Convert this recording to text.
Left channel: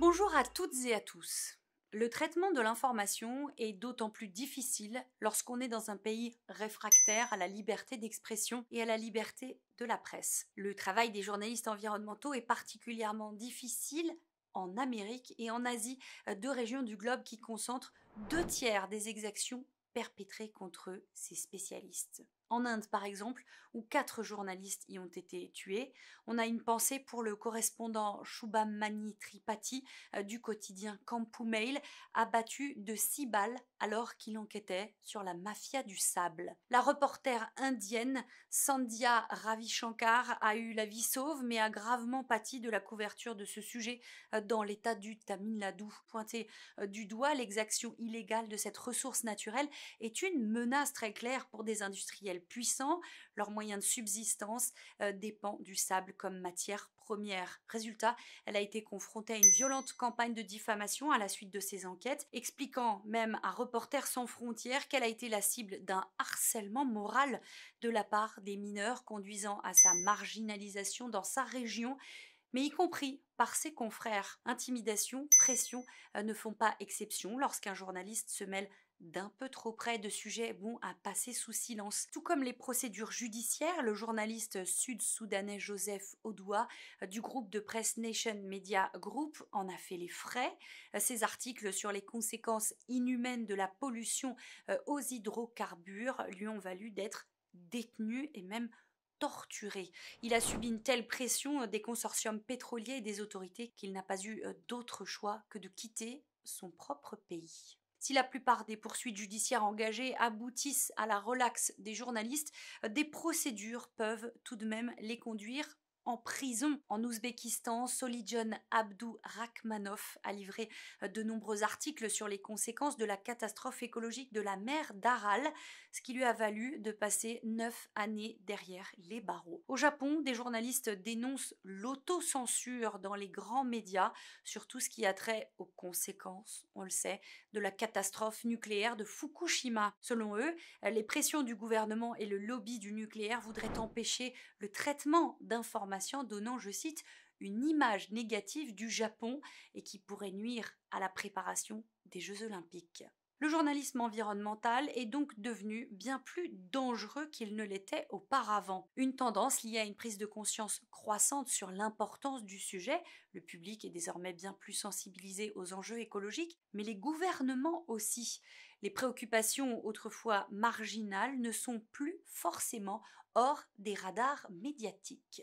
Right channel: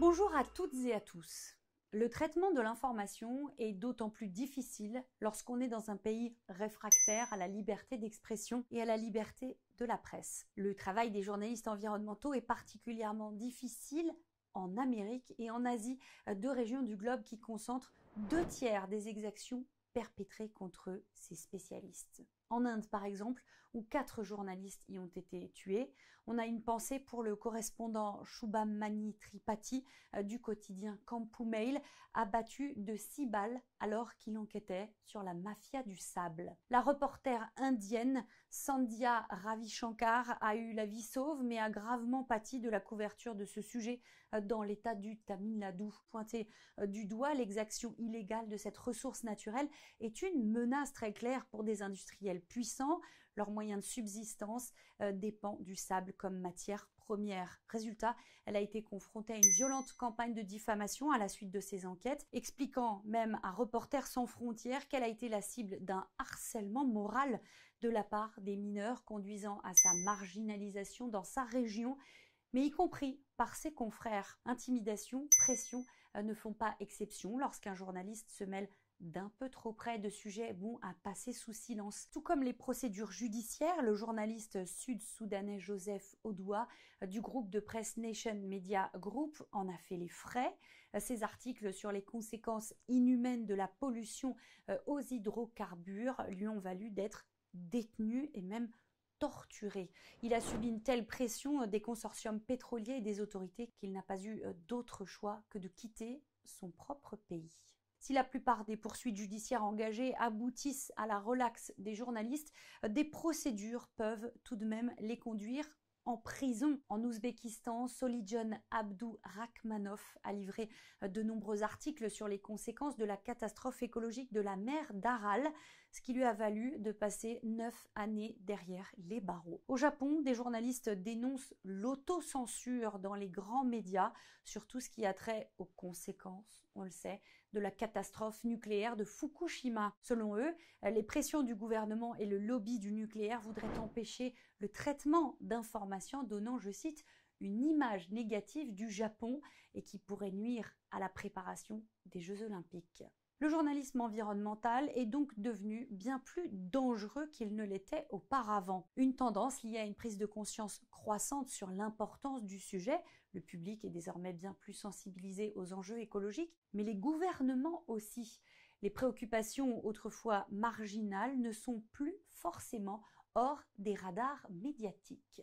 Bonjour à toutes et à tous. Le traitement de l'information est d'autant plus difficile lorsqu'on est dans un pays réfractaire à la liberté d'expression et à la liberté de la presse. Le travail des journalistes environnementaux est particulièrement difficile en Amérique et en Asie, deux régions du globe qui concentrent 2 tiers des exactions perpétrées contre ces spécialistes. En Inde, par exemple, où 4 journalistes y ont été tués, on a une pensée pour le correspondant Shubhamani Tripathi du quotidien Kampu Mail, abattu de 6 balles alors qu'il enquêtait sur la mafia du sable. La reporter indienne Sandhya Ravishankar a eu la vie sauve mais a gravement pâti de la couverture de ce sujet dans l'état du Tamil Nadu. Pointer du doigt l'exaction illégale de cette ressource naturelle est une menace très claire pour des industriels puissants. Leur moyen de subsistance dépend du sable comme matière première. Résultat, elle a été confrontée à une violente campagne de diffamation à la suite de ces enquêtes, expliquant même à Reporters sans frontières qu'elle a été la cible d'un harcèlement moral de la part des mineurs, conduisant à sa marginalisation dans sa région, mais y compris par ses confrères. Intimidation, pression ne font pas exception lorsqu'un journaliste se mêle d'un peu trop près de sujets bons à passer sous silence. Tout comme les procédures judiciaires, le journaliste sud-soudanais Joseph Odoua du groupe de presse Nation Media Group en a fait les frais. Ses articles sur les conséquences inhumaines de la pollution aux hydrocarbures lui ont valu d'être détenu et même torturé. Il a subi une telle pression des consortiums pétroliers et des autorités qu'il n'a pas eu d'autre choix que de quitter son propre pays. Si la plupart des poursuites judiciaires engagées aboutissent à la relaxe des journalistes, des procédures peuvent tout de même les conduire en prison. En Ouzbékistan, Solijon Abdourahmanov a livré de nombreux articles sur les conséquences de la catastrophe écologique de la mer d'Aral, ce qui lui a valu de passer 9 années derrière les barreaux. Au Japon, des journalistes dénoncent l'autocensure dans les grands médias sur tout ce qui a trait aux conséquences, on le sait, de la catastrophe nucléaire de Fukushima. Selon eux, les pressions du gouvernement et le lobby du nucléaire voudraient empêcher le traitement d'informations donnant, je cite, une image négative du Japon et qui pourrait nuire à la préparation des Jeux Olympiques. Le journalisme environnemental est donc devenu bien plus dangereux qu'il ne l'était auparavant. Une tendance liée à une prise de conscience croissante sur l'importance du sujet. Le public est désormais bien plus sensibilisé aux enjeux écologiques, mais les gouvernements aussi. Les préoccupations autrefois marginales ne sont plus forcément hors des radars médiatiques.